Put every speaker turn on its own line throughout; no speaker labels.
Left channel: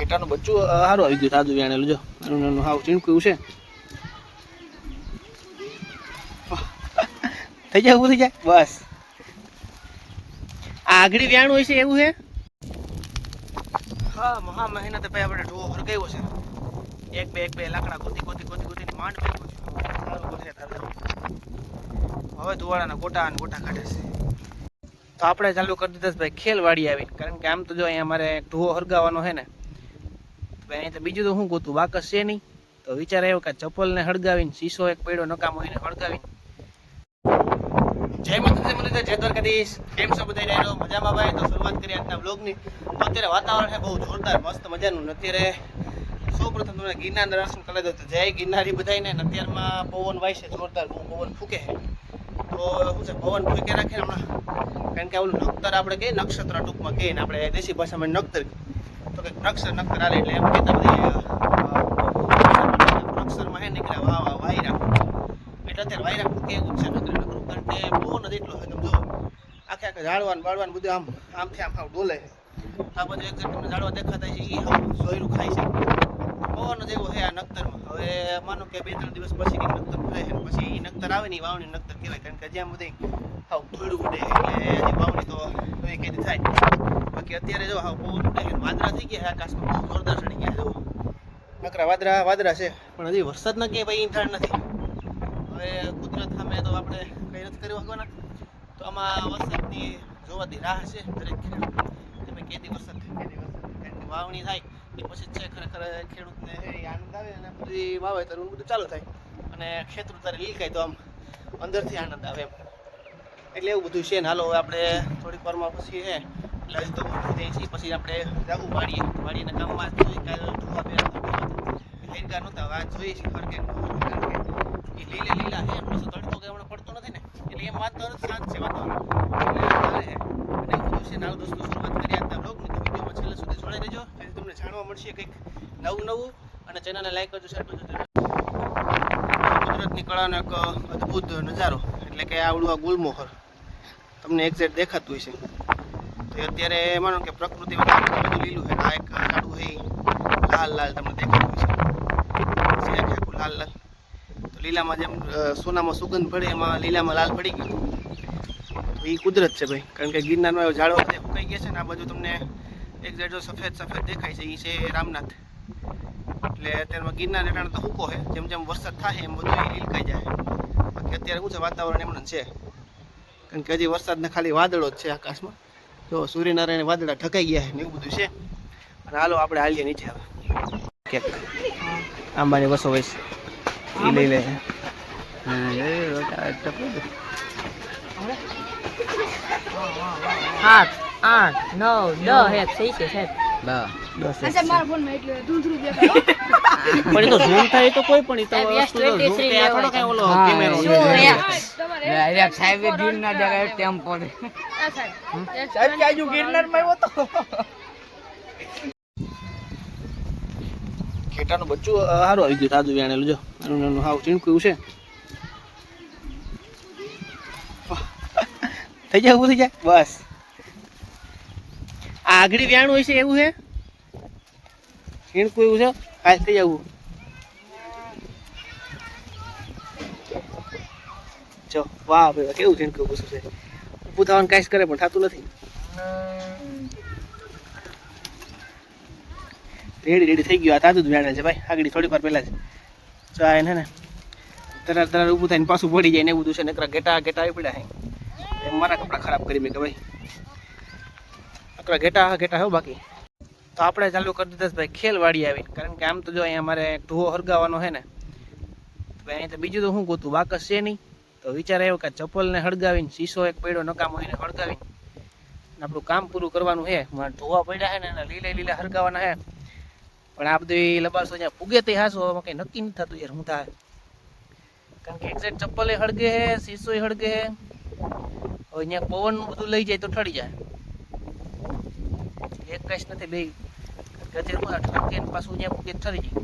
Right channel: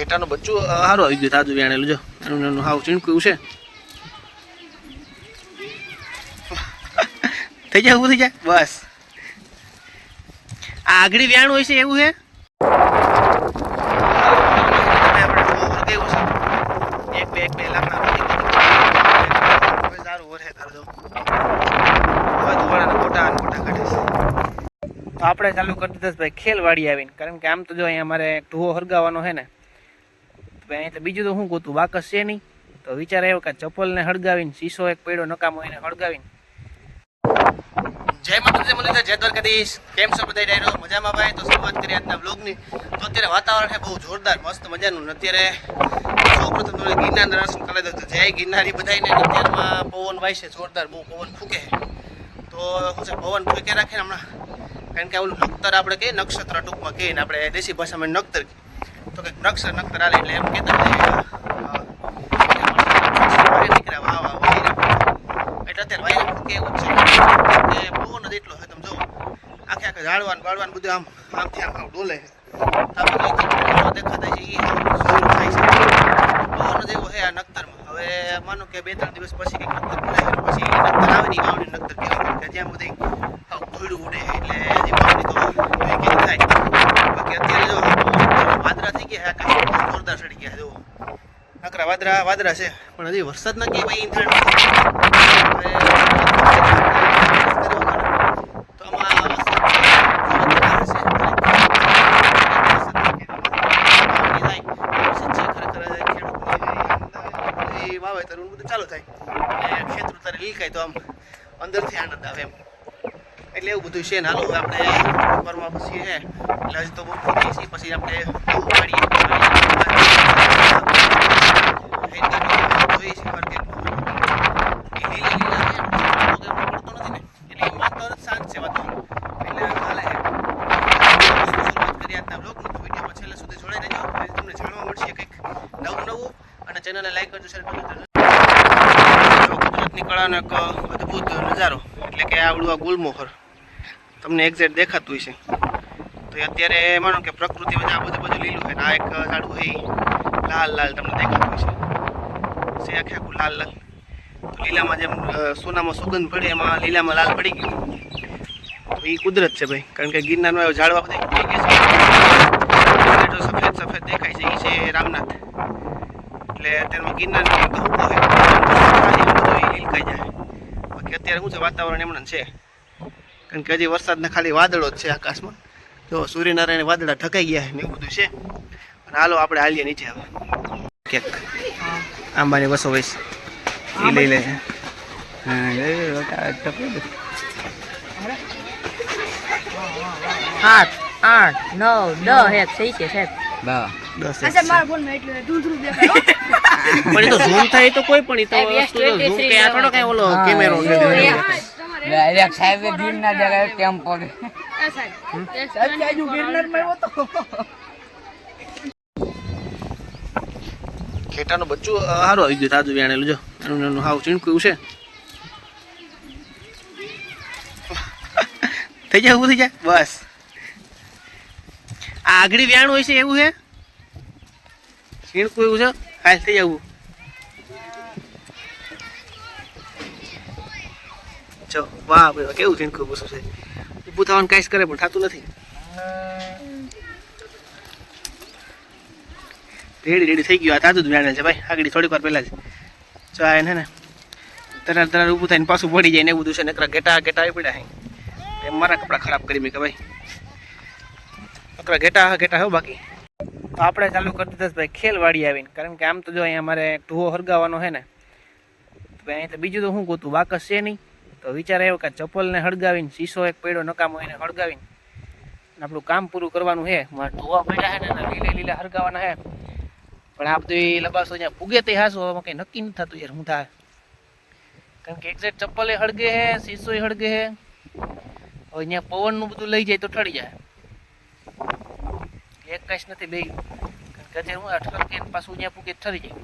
ઘેટાનું બચ્ચું સારું આવી ગયું તાજું વ્યાણેલું જો એનું એનું હાવ ચીણકું છે. થઈ જાય ઊભું થઈ જાય બસ. આ આગળ વ્યાણ હોય છે, એવું છે? એક, બે બે મોટા ગોટા કાઢે છે. તો આપણે ચાલુ કરી દીધા ભાઈ, ખેલવાડી આવીને. કારણ કે આમ તો જો અહીંયા અમારે ઢુઓ ઢોવો હળગાવવાનો છે ને અહીંયા તો બીજું તો શું ગોતું? વાકસ છે નહીં. તો વિચાર આવ્યો કે ચપ્પલને હળગાવીને શીશો એક પડ્યો, નકામો એને હળગાવીને. જય માતાજી, મને જય દ્વારકાધીશ. કેમ છો બધા ડાયરો, મજામાં ભાઈ? તો શરૂઆત કરી આજના બ્લોગની તો અત્યારે વાતાવરણ છે બહુ જોરદાર, મસ્ત મજાનું. અત્યારે સૌપ્રથમ તો ગિરનાર દર્શન કરી દો. જય ગિરનારી બધાને અત્યારમાં પવન વાય છે જોરદાર, બહુ પવન ફૂકે તો શું છે, પવન ફૂકે રાખે ને હમણાં? કારણ કે ઓલું નક્તર આપણે કહીએ, નક્ષત્ર ટૂંકમાં કહીએ ને આપણે દેશી ભાષામાં નક્તર કહીએ. તો કંઈક વૃક્ષ નક્કર હાલે એટલે એમ કહેતા એટલે અત્યારે વાયરા કેવું છે કે પવન જ એટલો તમે જો આખે આખે ઝાડવાન બાળવાન બધું આમ આમથી આમ આમ ડોલે દેખાતા છે એ છે આ નક્તરમાં હવે માનો કે બે ત્રણ દિવસ પછી કંઈક આવે ને કહેવાય કે જ્યાં બધે આવું ધૂળું ઉડે એટલે હજી વાવણી તો એ કે થાય બાકી અત્યારે જો વાદળા થઈ ગયા આકાશ જોરદાર ચડી ગયા જો નકરા વાદરા વાદરા છે, પણ હજી વરસાદ ના કે ભાઈ ઈંથાણ તો આમાં વાવેતર બધું ચાલુ થાય. અને ખેતર તારે લીકાય તો આમ અંદરથી આનંદ આવે એમ. એટલે એવું બધું છે ને, હાલો, આપણે બપોરમાં પછી છે એટલે હજી તો બપોર થઈ છે પછી આપણે જોઈએ છીએ માર્કેટ લીલા લીલા એમનો પડતો નથી ને એટલે એ વાતાવરણ શાંત છે વાતાવરણ એટલે હાલે શરૂઆત કરીએ આજના બ્લોગની તો વિડીયોમાં છેલ્લે સુધી જોડાઈ રહેજો તમને જાણવા મળશે કંઈક નવું નવું અને ચેનલને લાઈક કરજો શેર કરજો ગુજરાતની કળાનો એક અદ્ભુત નજારો એટલે કે આવડું આ ગુલમોહર તમને એક્ઝેક્ટ દેખાતું હશે તો અત્યારે માનો કે પ્રકૃતિ બધા આ બધું લીલું છે આ એક ઝાડું છે લાલ લાલ તમને દેખાતું છે. છે આખે આખું લાલ લાલ. તો લીલામાં જેમ સોનામાં સુગંધ પડે એમાં લીલામાં લાલ પડી ગયું. તો એ કુદરત છે ભાઈ. કારણ કે ગિરનારમાં ઝાડવા બધા ઉગી ગયા છે. સફેદ સફેદ દેખાય છે. એ છે રામનાથ. એટલે અત્યારમાં ગિરનાર તો હોય લીલકાઈ જાય. બાકી અત્યારે શું છે? વાતાવરણ એમણે છે. કારણ કે હજી વરસાદના ખાલી વાદળો જ છે આકાશમાં. જો સૂર્યનારાયણ વાદળા ઢકાઈ ગયા ને એવું બધું છે. અને હાલો આપણે હાલીએ નીચે હવે. કેક. આંબાની બસો વૈસ. એ લઈ લે.
સાત આઠ નવ દસ છે સાહેબ.
પણ એ તો ઝૂમ થાય તો કોઈ પણ એ તો થોડો કઈ ઓલો કેમેરો
ડાયરેક્ટ સાહેબ ગિરનાર જગ્યાએ ટેમ્પો
ખેટાનું બચ્ચું સારું આવી ગયું તાજું વ્યાણેલું જો. એનું એનું હાવ ચીણકું છે. થઈ જાય એવું થઈ જાય બસ. આ આગળ વ્યાણ હોય છે એવું છે? ચીણકું એવું છે? હાલ થઈ જવું જો વાહ ભાઈ વાહ, કેવું થઈને પૂછું છે. ઊભું થવાનું કાંઈ કરે પણ થતું નથી. રેડી રેડી થઈ ગયું. આ તાજું જ વ્યાણેલ છે ભાઈ. આગળ થોડીક વાર પહેલાં જ. જો આ એને ને તરાર તરાર ઊભું થઈને પાછું પડી જાય ને એવું બધું છે. નકરા ઘેટા ઘેટા આવી પડ્યા હે. મારા કપડાં ખરાબ કરી મેં કે ભાઈ. નકરા ઘેટા ઘેટા હો બાકી. તો આપણે ચાલુ કરી દીધા ભાઈ ખેલવાડી આવીને. કારણ કે આમ તો જો અહીંયા અમારે એક હરગાવાનો છે ને. ભાઈ તો બીજું તો શું ગોતું? બાકસ છે નહીં. તો વિચાર આવ્યો કે ચપ્પલને હળગાવીને શીશો એક પડ્યો, નકામો એને હળગાવીને. આપણું કામ પૂરું કરવાનું છે. મારે ઢોવા પડ્યા છે ને એના લીલે લીલા હળગાવાના છે. પણ આ બધું લબાસો જ્યાં ફૂગે તે હાસો, આમાં કંઈ નક્કી નથી થતું યાર, હું થાય. કારણ કે એક્ઝેક્ટ ચપ્પલે હળગે હે શીશો હળગે હે હવે અહીંયા પવનનું બધું લઈ જાય તો ઠરી જાય. એક કશ નથી બે ગજેર અટકે પાછું અહીંયા ફૂગે ઠરી જાય.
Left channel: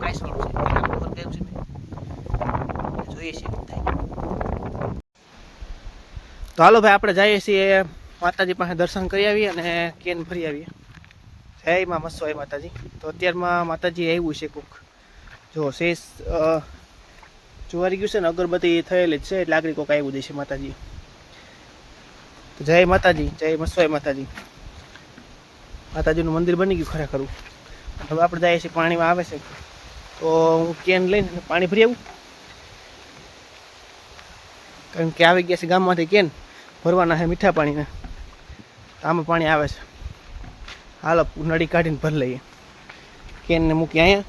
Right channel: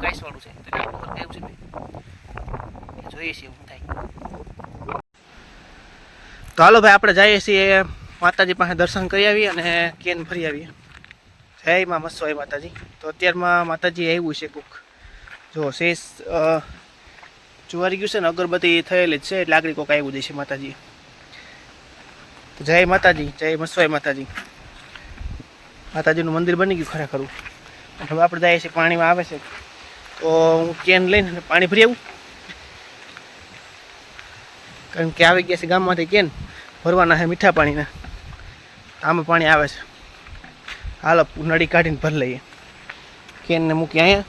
કાંઈ વાળું છે પેલા છે. જોઈએ થાય. તો હાલો ભાઈ, આપણે જઈએ છીએ માતાજી પાસે દર્શન કરી આવીએ અને કેન ફરી આવીએ. જય માં મસ્વાઈ માતાજી. તો અત્યારમાં માતાજી આવ્યું છે કુક. જો શેષ જુવારી ગયું છે ને, અગરબત્તી થયેલી જ છે, એટલે આગળ કોક આવ્યું છે માતાજી. તો જય માતાજી, જય મસ્વાઈ માતાજી. માતાજીનું મંદિર બની ગયું ખરેખર હવે આપણે જઈએ છીએ, પાણીમાં આવે છે. તો હું કેન લઈને પાણી ભરી આવું. કારણ કે આવી ગયા છે ગામમાંથી કેન ભરવાના છે મીઠા પાણીના આમાં પાણી આવે છે હાલો નળી કાઢીને ભરી લઈએ કેનને મૂકી અહીંયા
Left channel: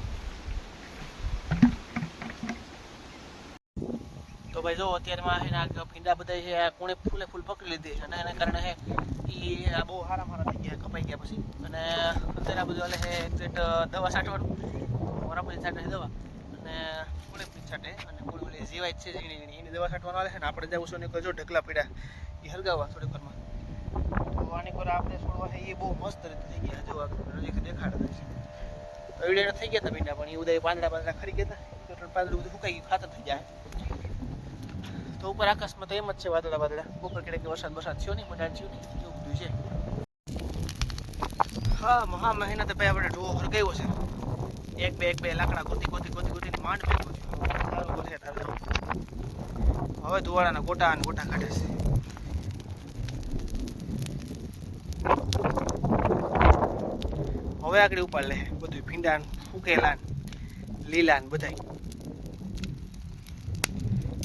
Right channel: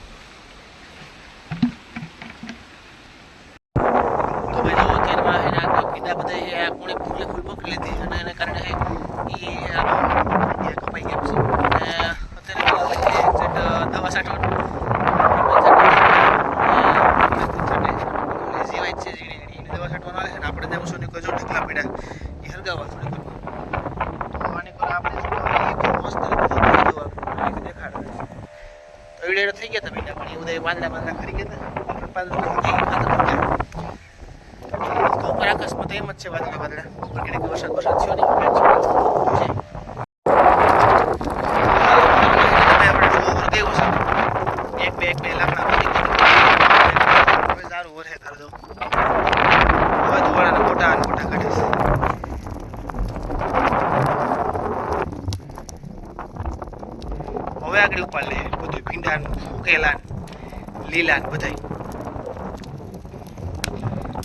તો ભાઈ જો અત્યારમાં છે ને આ બધા કોણે ફૂલે ફૂલ પકડી લીધી અને એના કારણે એ કપાઈ ગયા છે અને અત્યારે દવા છાંટવાનું જીવાય છે ઝીણી એની દવા છાંટવાનું આવે છે ને આપણે જેવું શું જો ઢીકલા પડ્યા એ હરગાવવા થોડી કરવા તો આની પર આપણે મસ્ત તો એવડે થઈ ગયા હતા ભીંડા પણ એ ઉદય પાંદડા પાંદડા ખરી ગયા હતા આપણે પાંદડું ખાતા થઈ ગયા. તો ઉપર આકાશમાં તો એમ જ છે વાદળા વાદળા ઉપર કેટલીક વરસાદ વરસાદ થયો નહીં પણ છે તમે આપણે ડુઓ ગયું છે એક બે એક બે લાકડા બધી બધી સારું વરસે તારું જવું ધુવાડાના મોટા અને મોટા કાઢે છે. હવે આગળ ઉપાડ લે, બધું ભીંડા ઉકેલા લીલા બધાય.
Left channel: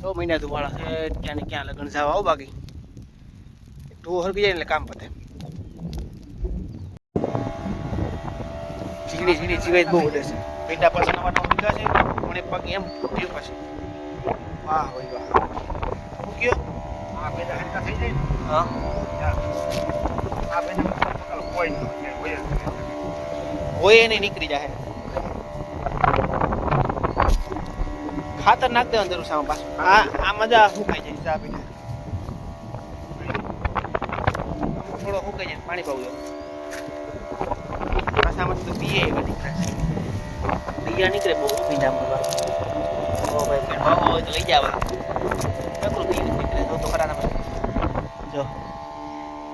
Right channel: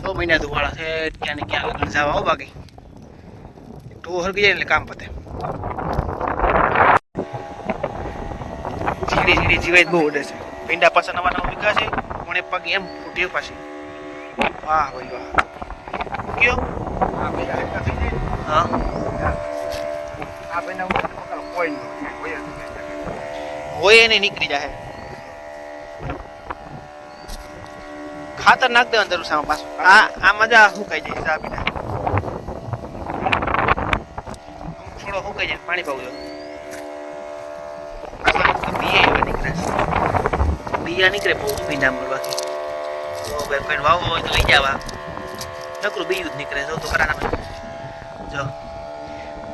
તો મહિના ધુવાળા છે, ક્યાં ને ક્યાં લગ્ન જવા આવો બાકી. ટુ હરકી જાય એટલે કામ પતે. ઝીણી ઝીણી જીવાય બહુ ઉડે છે. ભીંડા પાછા નવા નવા વીઘા છે, કોણે પગ એમ ફૂટ્યો પાછી. વાહ ભાઈ વાહ. મૂક્યો હા હોય એને નીકળી જાય ખાતર નાખ દેવાનું જરૂર સામે પાછું આ આ મજા સુકાઈ જાય ચા પીને છોડો થોડો સુકાઈ જાય પાણી પાવું જોઈએ બીએ એવા નીકળે બીયા નીકળે બહુ ભીંડા મળવા તો ભાઈ વાવો હોય તો લઈ જવા નકરું બીજું જ નીકળે. જો તો ખરા જો.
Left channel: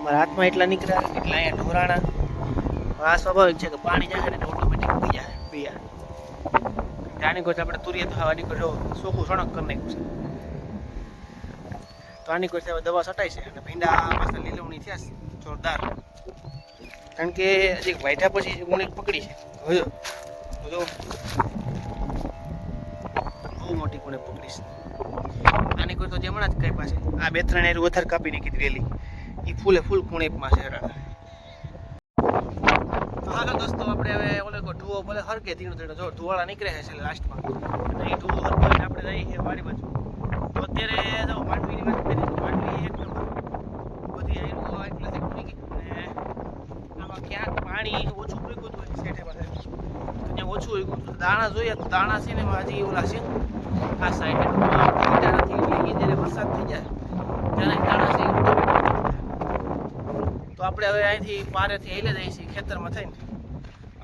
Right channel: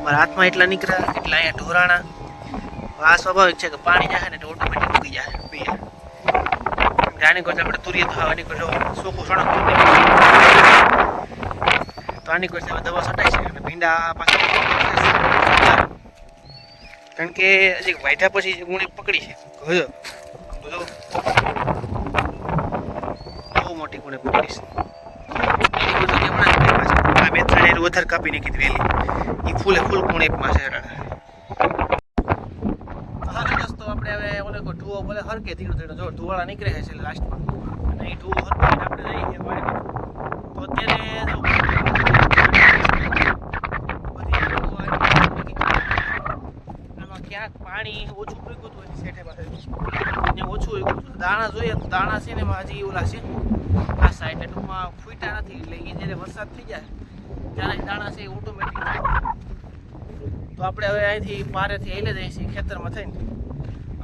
મારા હાથમાં એટલા નીકળ્યા એટલા અહીંયા ઢોરાણા. આ સ્વાભાવિક છે કે પાણી જાય ને ઓટોમેટિક ઉગી જાય પીયા આની કોઈ આપણે તુરીએ તો આની કોઈ જો સોખું સણક તો આની કોઈ દવા છટાય છે અને ભીંડા કારણ કે હજી વાયધા પછી ગુણી પકડી છે. હવે જો બહુ મોટી કોને પકડી છે એની કોઈ તો હમણાં જ કરી પાછી. ત્રણ એરું વધારે કાપી નાખી વેલી. એ ફૂલે ફૂલ કુણેપમાં છે. હાલો દોસ્તો, આપણે હવે ઓલે ઢુઓ ભલે હરકે ધીણો ધીણો. જો, ધુવાળા નીકળે છે લાસ્ટમાં અને એ ધુઓ હરકાઈને આપણે જઈએ છીએ વાડી બાજુ. તો અત્યારે જો ક્યાંક પાણી ઓછું પીકું હતું એની ત્યાં ઓછું. દાણા જોઈએ દાણા છે ને હજી ઓલા છે. આ સાઈડ જ્યારે વરસાદ થઈ જાય છે તો આપણે હવે અહીંથી પારેથી હેલે જઈએ છીએ, ખેતરમાં થઈને.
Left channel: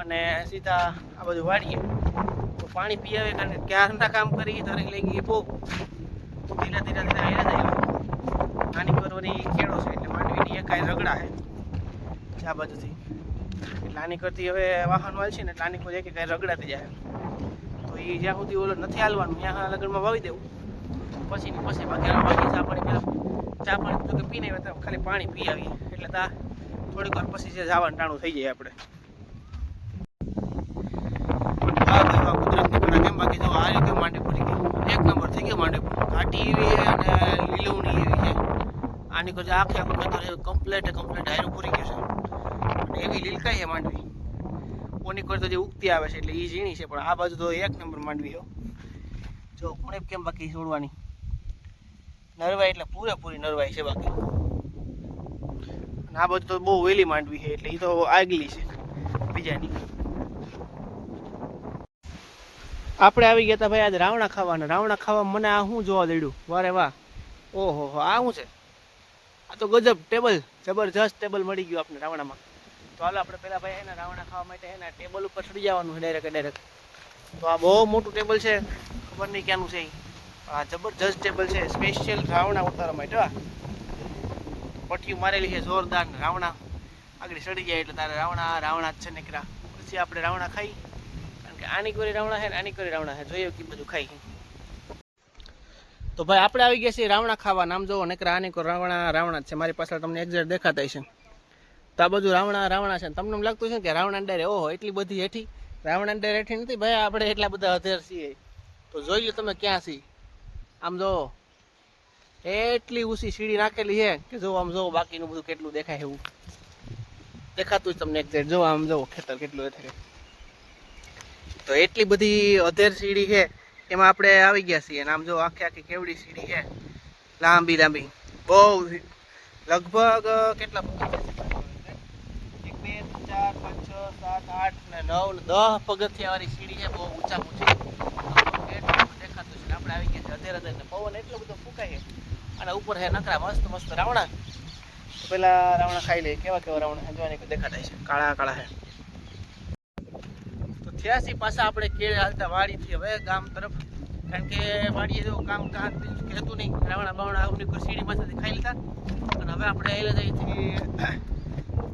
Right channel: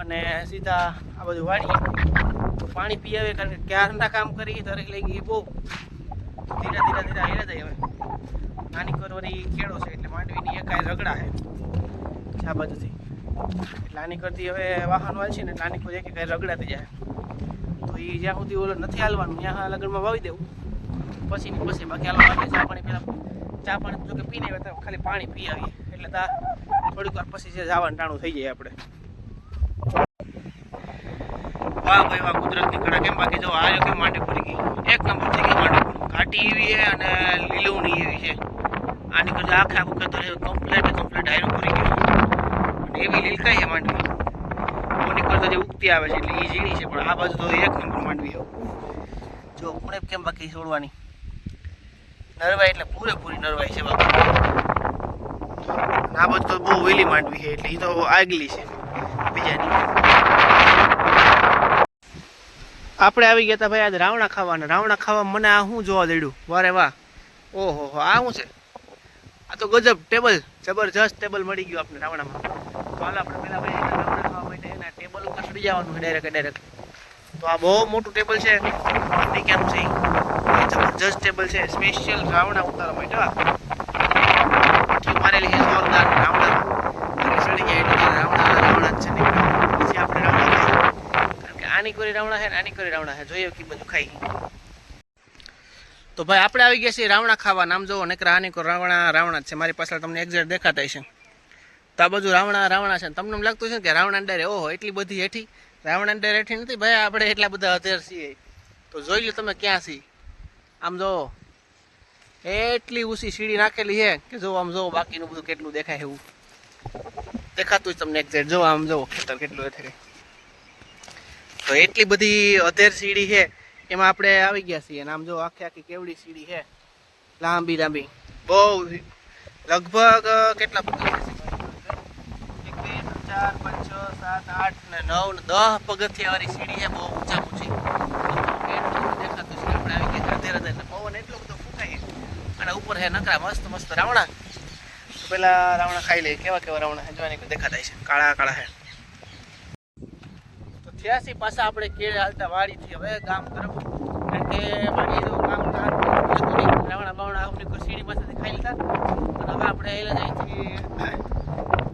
અને સીધા આ બધું વાળીએ તો પાણી પી આવે કારણ કે ક્યારના કામ કરી દરેક લઈ ગઈ બહુ. ધીરે ધીરે ધીરે હેલે જાય નાની કરવાની ખેડો છે એટલે માંડવીની એકાય રગડા છે. આ બાજુથી. એટલે કરતી હવે વાહન વાળશે ને એટલે આની કોઈ એક કાંઈ રગડાતી જાય. તો એ જ્યાં સુધી ઓલો નથી હાલવાનું, ત્યાં લગનમાં વાવી દેવું. પછીની, પછી બાકી હાલવા બાકી ચા પાણી પહેલાં ચા પાણી તો કે પીને આવ્યા ખાલી પાણી પી આવીએ. એટલે તા થોડીક વાર પછી જે જવાનું ટાણું થઈ જાય આપણે. વાહ ભાઈ વાહ, કુદરતની કળા કેમ બાકી? જો આ કેમ માંડી પડી ગઈ? એક નંબર થઈ ગઈ માંડી ઘાટી એવી છે અને લીલવણી એવી છે. આની કરતા આખે આખું ખેતર કમ્પ્લેટ કમ્પ્લેટ હાયરું પૂરી ગયું. અને એવી લીલકાઈ છે માંડવી. કોની કરતા જે ઉગતી આવે છે, એટલે એ ઝીણી છે, પણ આ બાજુ તો એક નંબર માંડવી જો, કોણે કેમ બાકી છોડવાની? નરવાઈ એટલે પૂરેપૂરી નરવાઈ છે બાકી આ બધું બહુ વહેલી માંડવી છે એટલે એ તો આગલી છે. બીજાની આપણે આવી ગયા હતા ભાઈ આજે રાવણા ખાવાના. રાવણા ખાવા મને આ શું જોવા દડ્યું વારે વાહ. ઓહો હો, આ શું છે? આ તો ગજબ ટેબલ, જબરજસ્ત ટેબલ મળી ગયું આપણે રાવણામાં. તો હાલ આપણે પેલા ભાઈ એના રાવણા ખાવા માટે એના ટેબલ ઉપર ચડી જવાનું છે ડાયરેક્ટ ડાયરેક્ટ. તો આ બહુ મોટું ટેબલ છે. કેમ છે. જબરજસ્ત ટેબલ છે. સ્પેશિયલ રાવણા ઉતારવા માટે, હા. પટ્ટીઓ મારેલી છે જોરદાર રાવણા ચડી ગયા એટલે રાવણા રાવણા છે ને. આની કોરી રાવણા છે આની કોરી રાવણા છે જોઈએ કે બધું ખાઈ. તો ભાઈ, આપણે આવી ગયા છીએ રાવણા ખાવા. નામ જોવો, નકરા આની કોઈ રાવણા રાવણા છે. મારી પાછળ તમને એક્ઝેક્ટ દેખાતા છે તો આ બધું રાવણા રાવણા છે. તમને એમ લાગતું છે કે રાવણા ડરે ઓહો, એટલી બધી હેઠી. રાવણા ડરે હેઠી નથી. ભાઈ, આપણે એટલા બધા અધેર છીએ. તો જોઈ લો તમે ક્યાં છીએ. આમ જોવો એટલી ઊંચી સીડી નાખેલી છે કે જો આમ જો બાકીનું બધું કેટલું દેખાય એવું. દેખાતું જ તમને એક્ઝેક્ટ જો આમ જો ખેતર કેટલું છે તો એટલી બધી અધેર સીડી છે, એમાં આપણે આવી ગયા છીએ. આમ જો આખી આખી કેવડી સીડી છે. લાંબી લાંબી. બહુ લગભગ કેટલા એક, બે ચાર, પાંચ, છ, સાત, આઠ ને નવ ને દસ પગથિયા વાળી સીડી છે. બહુ ઊંચા ઊંચી એટલું દેખાતું છે આપણે અધેર અધેર પવન એટલો બધો ફૂંકાય અને ઉપર હે નકરા મસ્ત મસ્ત રાવણા. તો પેલા રાવણા ખાઈ લઈએ કેવા કેવા રાવણા જોવાની કોઈ દેખાતા છે કાળા કાળા હે. તો થયાસી પાછા આપણે કેળે હાલતા વાડીથી હવે ગામ તરફ. કારણ કે વાડીએ તો કામ ધાર હતું નહીં. રાવણા બાવણા અમને કોઈ સીડી પાસેથી ખાઈ લીધા અને હવે આપણે એલા અહીંથી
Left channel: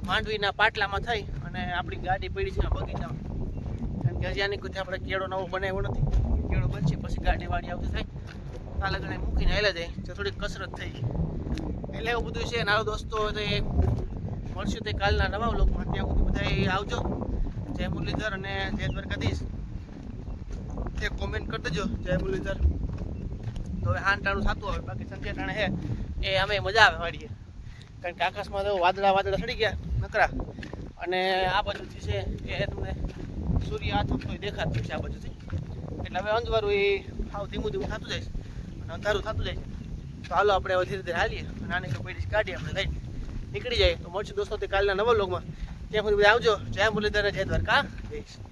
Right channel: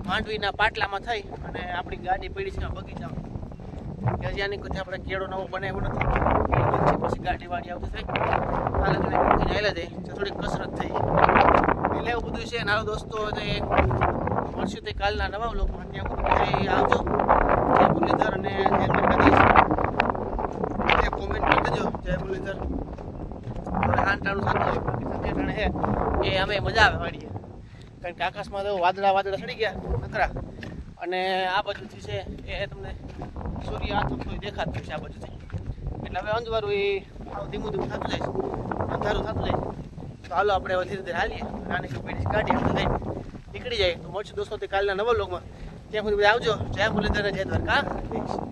માંડવીના પાટલામાં થઈ અને આપણી ગાડી પડી છે બગીચામાં. કે હજી કોઈ આપણે કેળો નવો બનાવ્યો નથી. કેળો બનશે પછી ગાડી વાડી આવતી થઈ. આ લગ્ન મૂકીને આવેલા જાય. તો થોડીક કસરત થઈ. એટલે એવું બધું છે. નારો દોસ્તો તે મળશે તે કાલના નવા લોકો ત્યાં સુધી બધા આવજો. જય મુરલીધર અને જય દ્વારકાધીશ. તે કોમેન્ટ કરી દેજો, જય મુરલીધર. હવે હાંટાણું થતું હોય. બાકી સંજય ટાણે હે એ અમે મજા આવે વાડીએ. કારણ કે આકાશમાં તો વાદળા વાદળા ચડી ગયા નકરા. અને આ બાજુથી છે એ તમને સૂર્ય હાથ કોઈ દેખાતું છે આ બાજુથી. એટલે હવે અંજવાળું એ આવું ધીમું ધીમું થતું જાય છે. અંધારું થતું જાય તો હાલો આપણે હવે ધીરે ધીરે હાલીએ. નાની કાઢી પેઢી કાઢીએ આપણે લઈને નીકળી જાય. તો મળશું દોસ્તો કાલના નવા લોકમાં ત્યાં સુધી આવજો. જય મુરલીધર જય દ્વારકા.